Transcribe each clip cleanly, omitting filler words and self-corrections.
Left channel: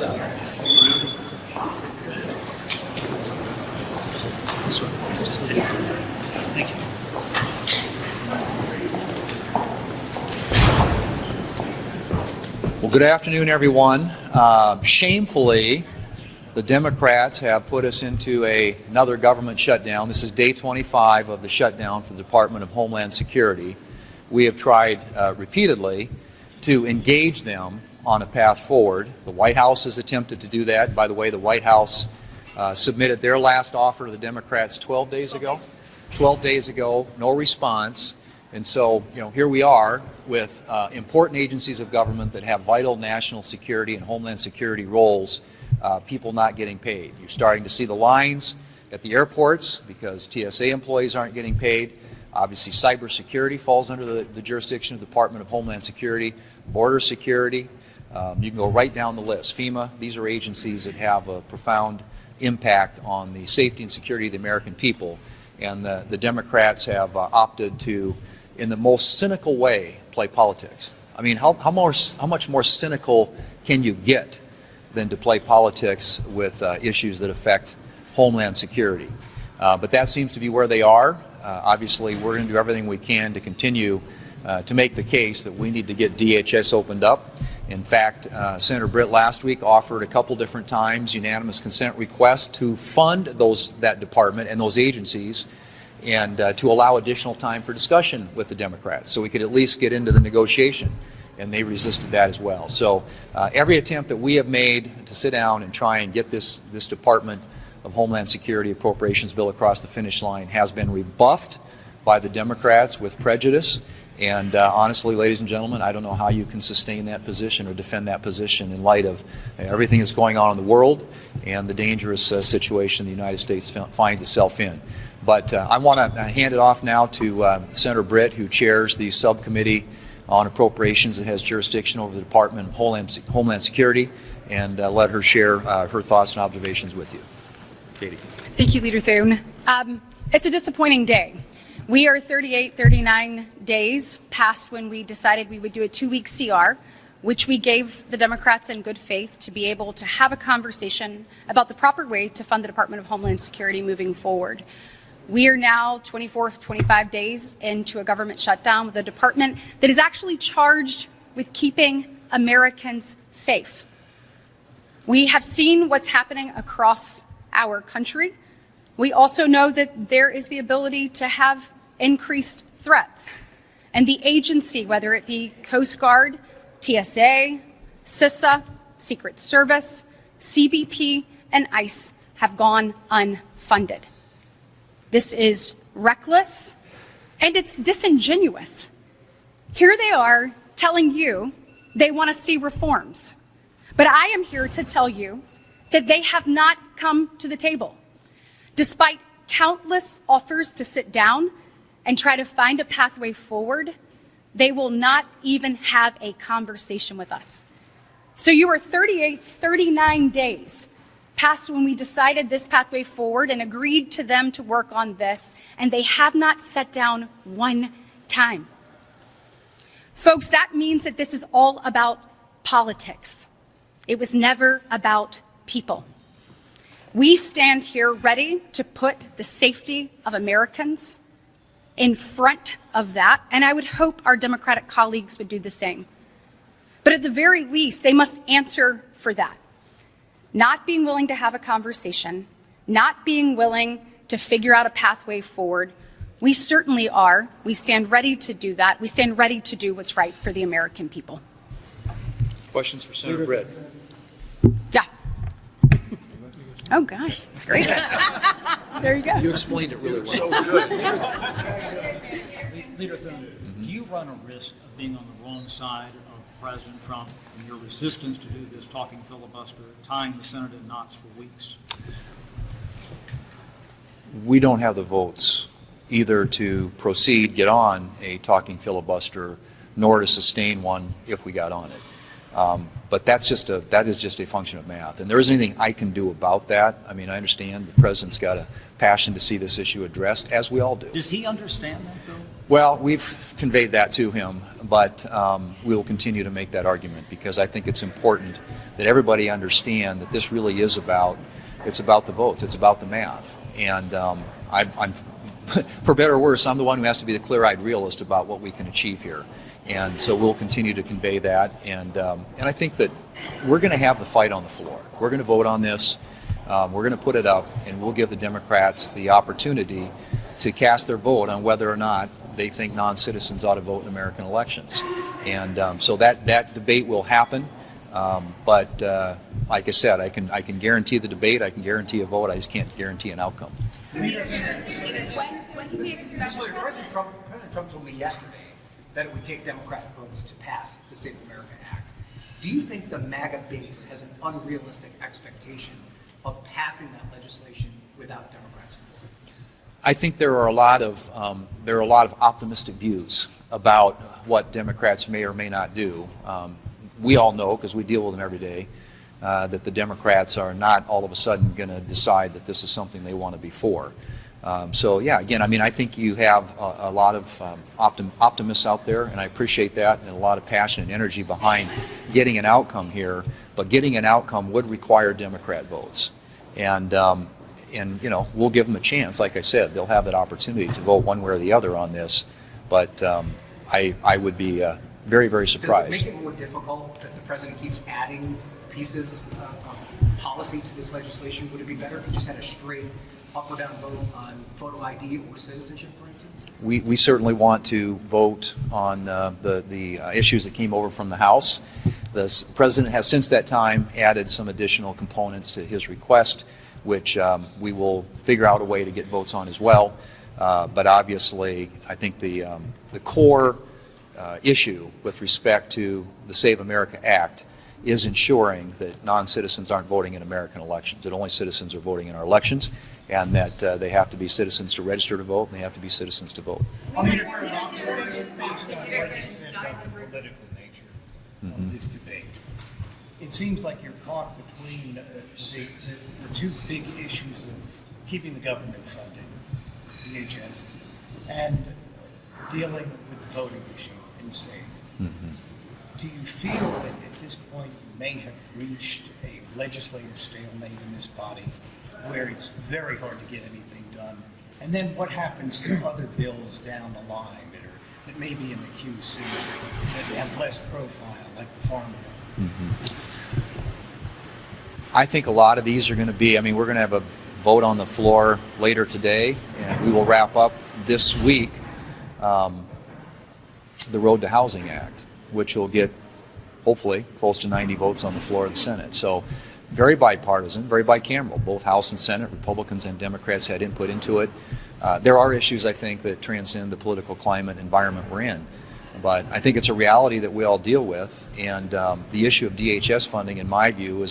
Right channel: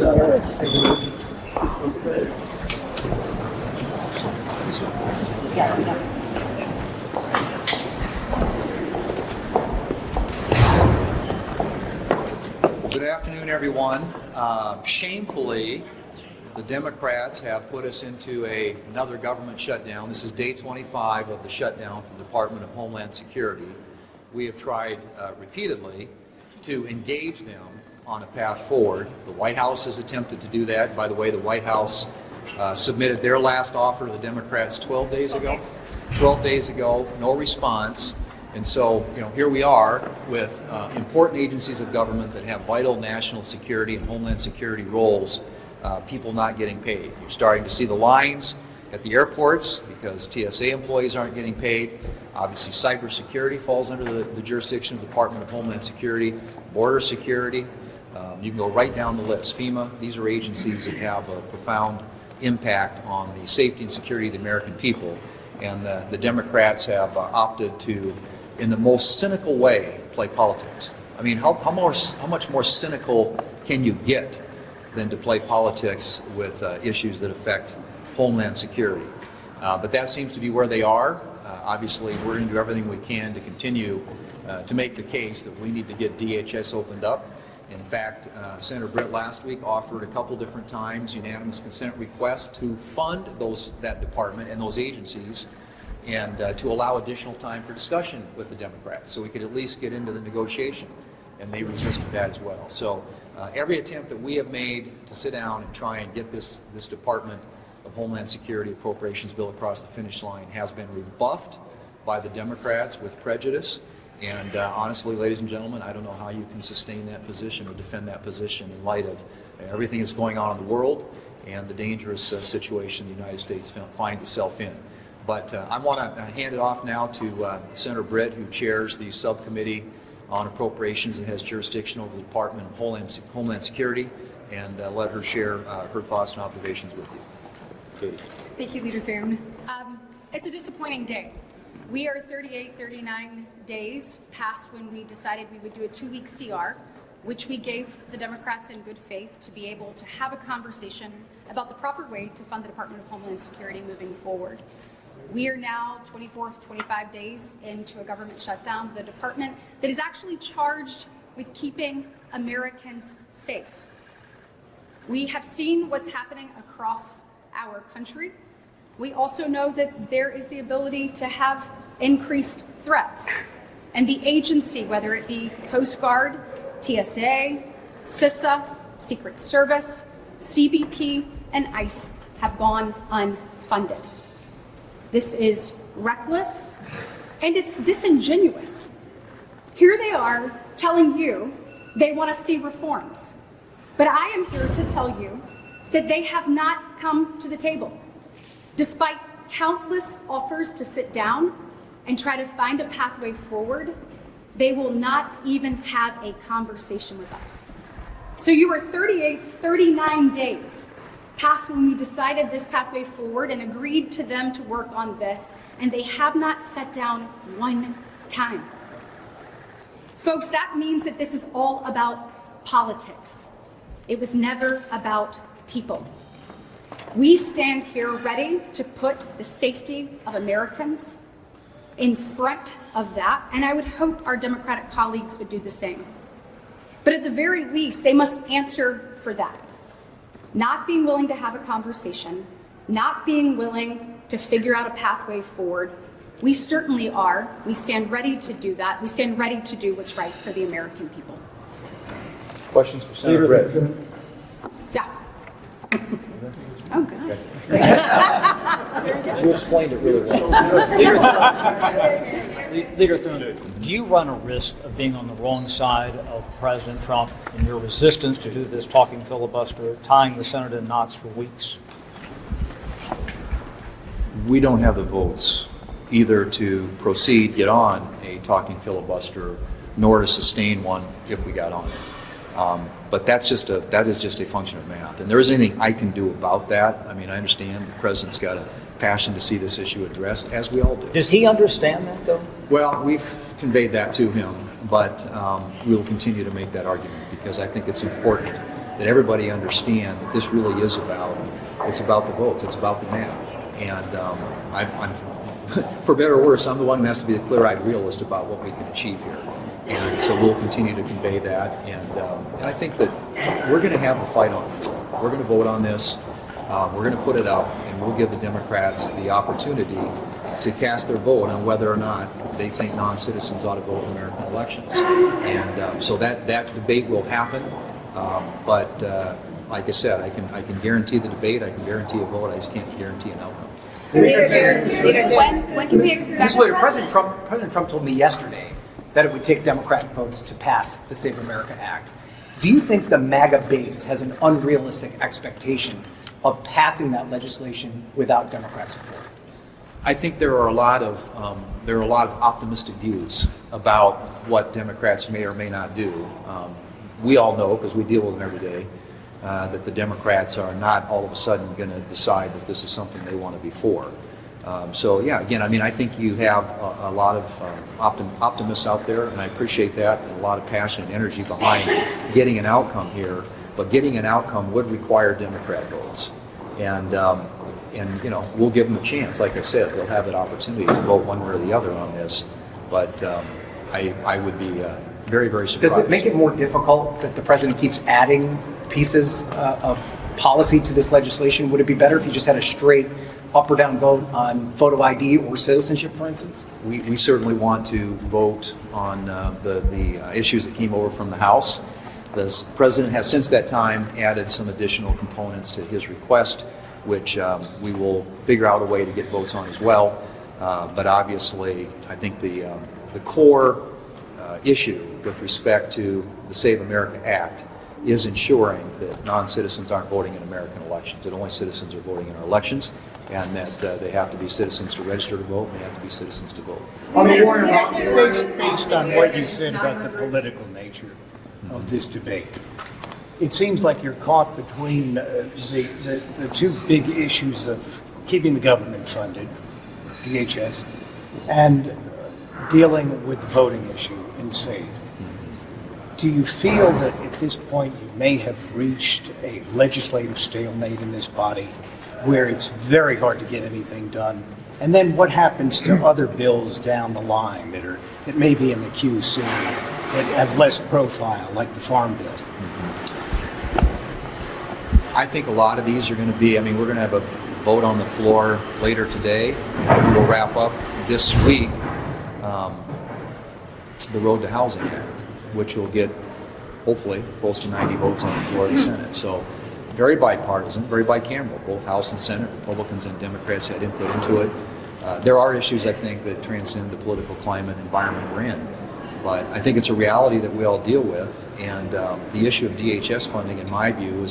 Well, good afternoon, everyone. Shamefully, the Democrats have put us into another government shutdown. This is day 25 of the shutdown for the Department of Homeland Security. We have tried repeatedly to engage them on a path forward. The White House has attempted to do that. By the way, the White House submitted their last offer to the Democrats 12 days ago. 12 days ago, no response. And so, here we are with important agencies of government that have vital national security and homeland security roles, people not getting paid. You're starting to see the lines at the airports because TSA employees aren't getting paid. Obviously, cybersecurity falls under the jurisdiction of the Department of Homeland Security, border security. You can go right down the list. FEMA, these are agencies that have a profound impact on the safety and security of the American people. And the Democrats have opted to, in the most cynical way, play politics. I mean, how much more cynical can you get than to play politics with issues that affect homeland security? But that seems to be where they are. Obviously, we're going to do everything we can to continue to make the case that we need to get DHS opened up. In fact, Senator Britt last week offered a couple different times unanimous consent requests to fund that department and those agencies, and to allow additional time for discussion with the Democrats so we could at least get into the negotiation, and they resisted that as well. So every attempt that we have made to sit down and try and get this Department of Homeland Security Appropriations bill across the finish line has been rebuffed by the Democrats with prejudice. And honestly, ladies and gentlemen, I don't know how you can sustain that position or defend that position in light of everything that's going on in the world and the dangerous situation the United States finds itself in. But I want to hand it off now to Senator Britt, who chairs the subcommittee on appropriations that has jurisdiction over the Department of Homeland Security, and let her share her thoughts and observations with you. Katie. Thank you, Leader Thune. It's a disappointing day. We are 38, 39 days past when we decided we would do a 2-week CR, which we gave the Democrats in good faith to be able to have a conversation about the proper way to fund the Department of Homeland Security moving forward. We are now 24, 25 days into a government shutdown with a department that is actually charged with keeping Americans safe. We have seen what's happening across our country. We also know that there is the ability to have increased threats. And the agency, whether it be Coast Guard, TSA, CISA, Secret Service, CBP, and ICE have gone unfunded. This is reckless and it's disingenuous. Here they are telling you they want to see reforms. But I am here to tell you that they have not come to the table. Despite countless offers to sit down and try to find a pathway forward, they will not even have a conversation with us. So you are 38, 39 days past when we decided this pathway forward and agreed to them to work on this, and they have not sat down one time. Folks, that means that this is all about politics. It was never about people. We stand here ready to put the safety of Americans in front of that, and I would hope our Democratic colleagues would do the same. But at the very least, they must answer for that. Not being willing to have a conversation, not being willing to figure out a pathway forward. We certainly are. We stand ready to do that. We stand ready to do what's right for the American people. Questions for Senator Britt? Yeah. Oh gosh, that's great. There you go. You explained it really well. Leader Thune, do you run a risk of being on the wrong side of President Trump in your resistance to do this talking filibuster, tying the Senate in knots for weeks? We don't have the votes either to proceed, get on a talking filibuster, nor to sustain one if we got on it. But that is just a function of math. And there isn't anything I can do about that. I mean, I understand the president's got a passion to see this issue addressed, as we all do. Does he understand that, though? Well, we've conveyed that to him, but we will continue to make that argument because I think it's important that everybody understand that this really is it's about the votes, it's about the math. And I'm for better or worse, I'm the one who has to be the clear-eyed realist about what we can achieve here. And so we'll continue to convey that. And I think that we're going to have the fight on the floor. We're going to vote on this. We're going to put it up, and we'll give the Democrats the opportunity to cast their vote on whether or not they think non-citizens ought to vote in American elections. And so that debate will happen. But like I said, I can guarantee the debate. I can guarantee a vote. I just can't guarantee an outcome. When can we expect? Mr. Leader, President Trump told me yesterday that it would take Democrat votes to pass the Save America Act. Do you think the MAGA base has an unrealistic expectation of passing that legislation without Democrat support? I think there are a lot of optimistic views about what Democrats may or may not do. We all know, because we deal with them every day, that the Democrats are not all of a sudden going to decide that this is something they want to be for. So yeah, again, I mean, I think you have a lot of optimists out there, and I appreciate that, and a lot of passion and energy behind getting an outcome here. But getting an outcome would require Democrat votes, and you know, we'll give them a chance. Like I said, they'll have that opportunity to vote one way or the other on this. But I would be very, very surprised. Does it make it more difficult that the president keeps adding pieces of policy to this legislation? Would it be better if you just had a straight up or down vote on photo ID or citizenship, for instance? We certainly want to vote on the issues that came over from the House. The president has since that time added some additional components to his request, which we will figure out a way to get votes on as well. But obviously, I think the core issue with respect to the Save America Act is ensuring that non-citizens aren't voting in American elections, that only citizens are voting in our elections, and that they have to be citizens to register to vote, and they have to be citizens to vote. Based on what you said about the political nature of this debate, it seems like you're caught between the two big issues of keeping the government funded, DHS, and dealing with the voting issue in SAVE. Do you feel that at this point you may have reached a legislative stalemate in this body where it's very hard to get anything done? And then what happens to other bills down the line that may be in the queue soon that have less profile, like the Farm Bill? I think a lot of these are going to be, I mean, we're going to have a vote on the floor later today, and we will wrap up this week the Road to Housing Act, which will get hopefully close to 90 votes on the floor of the Senate. So very bipartisan, very bicameral. Both House and Senate, Republicans and Democrats had input into it. There are issues, I think, that transcend the political climate and environment we're in. But I think it's a reality that we all deal with. And the issue of DHS funding, in my view,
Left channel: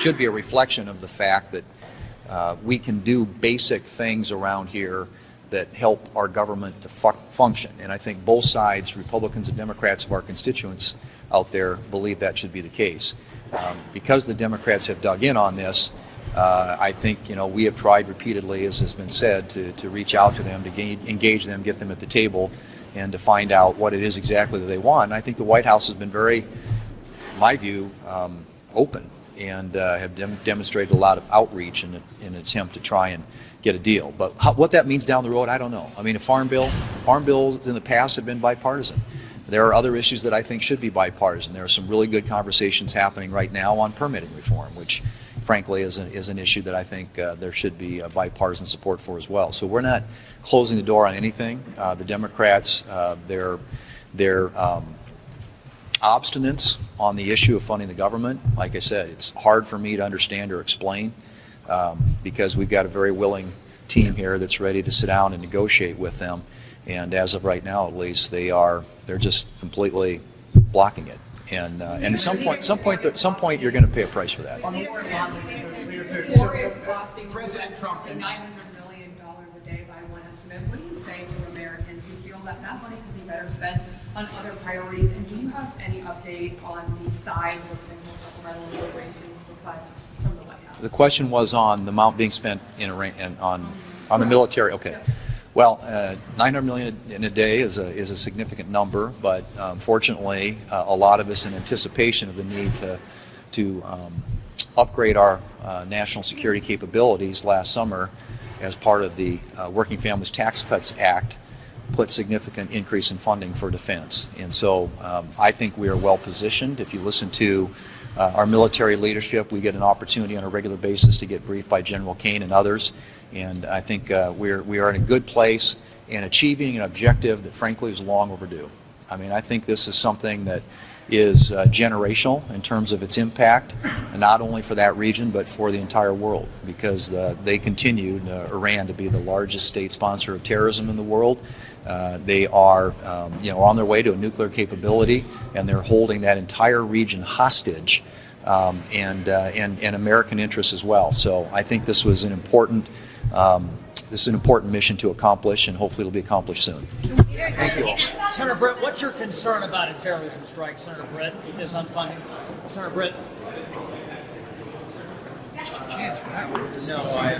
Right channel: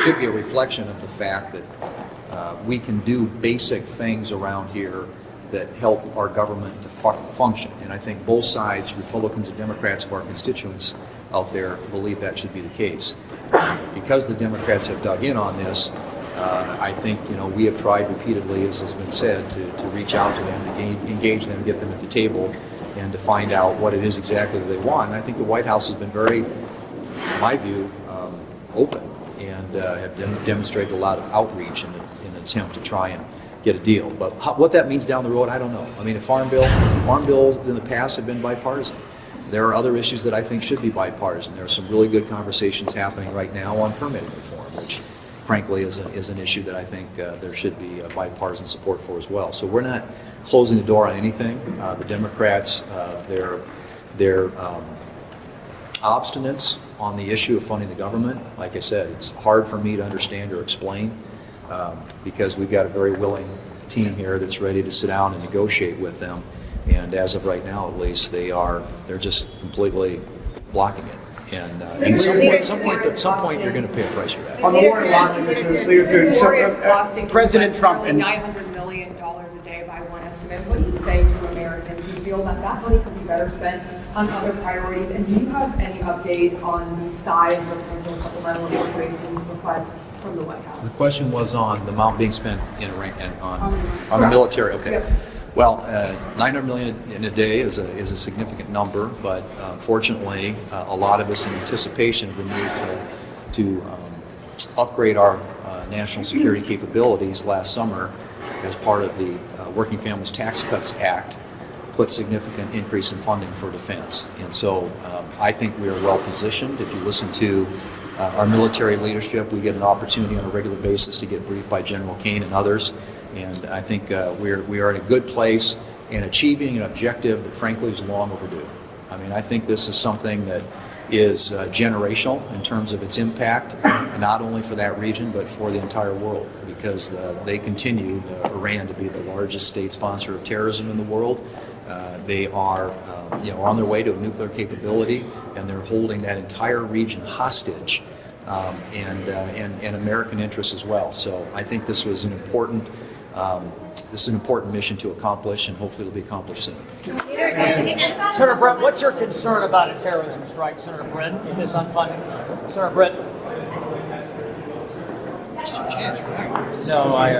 should be a reflection of the fact that we can do basic things around here that help our government to function. And I think both sides, Republicans and Democrats of our constituents out there, believe that should be the case. Because the Democrats have dug in on this, I think, you know, we have tried repeatedly, as has been said, to reach out to them, to engage them, get them at the table, and to find out what it is exactly that they want. And I think the White House has been very, in my view, open, and have demonstrated a lot of outreach in an attempt to try and get a deal. But what that means down the road, I don't know. I mean, farm bills in the past have been bipartisan. There are other issues that I think should be bipartisan. There are some really good conversations happening right now on permitting reform, which frankly is an issue that I think there should be bipartisan support for as well. So we're not closing the door on anything. The Democrats, their obstinance on the issue of funding the government, like I said, it's hard for me to understand or explain. Because we've got a very willing team here that's ready to sit down and negotiate with them, and as of right now, at least, they're just completely blocking it. And at some point, you're going to pay a price for that. On the war in Iran, President Trump and $900 million a day by one estimate. What do you say to Americans who feel that that money could be better spent on other priorities? And do you have any update on the size of the potential supplemental appropriations request from the White House? The question was on the amount being spent in Iran and on the military. Okay. Yep. Well, $900 million in a day is a significant number, but fortunately, a lot of us in anticipation of the need upgrade our national security capabilities last summer as part of the Working Families Tax Cuts Act put significant increase in funding for defense. And so I think we are well positioned. If you listen to our military leadership, we get an opportunity on a regular basis to get briefed by General Kane and others. And I think we are in a good place in achieving an objective that frankly is long overdue. I mean, I think this is something that is generational in terms of its impact, not only for that region, but for the entire world, because they continued, Iran, to be the largest state sponsor of terrorism in the world. They are on their way to a nuclear capability, and they're holding that entire region hostage, and American interests as well. So I think this was an important mission to accomplish, and hopefully it'll be accomplished soon. Senator Britt, what's your concern about a terrorism strike, Senator Britt, in this unfunding? Senator Britt? No, I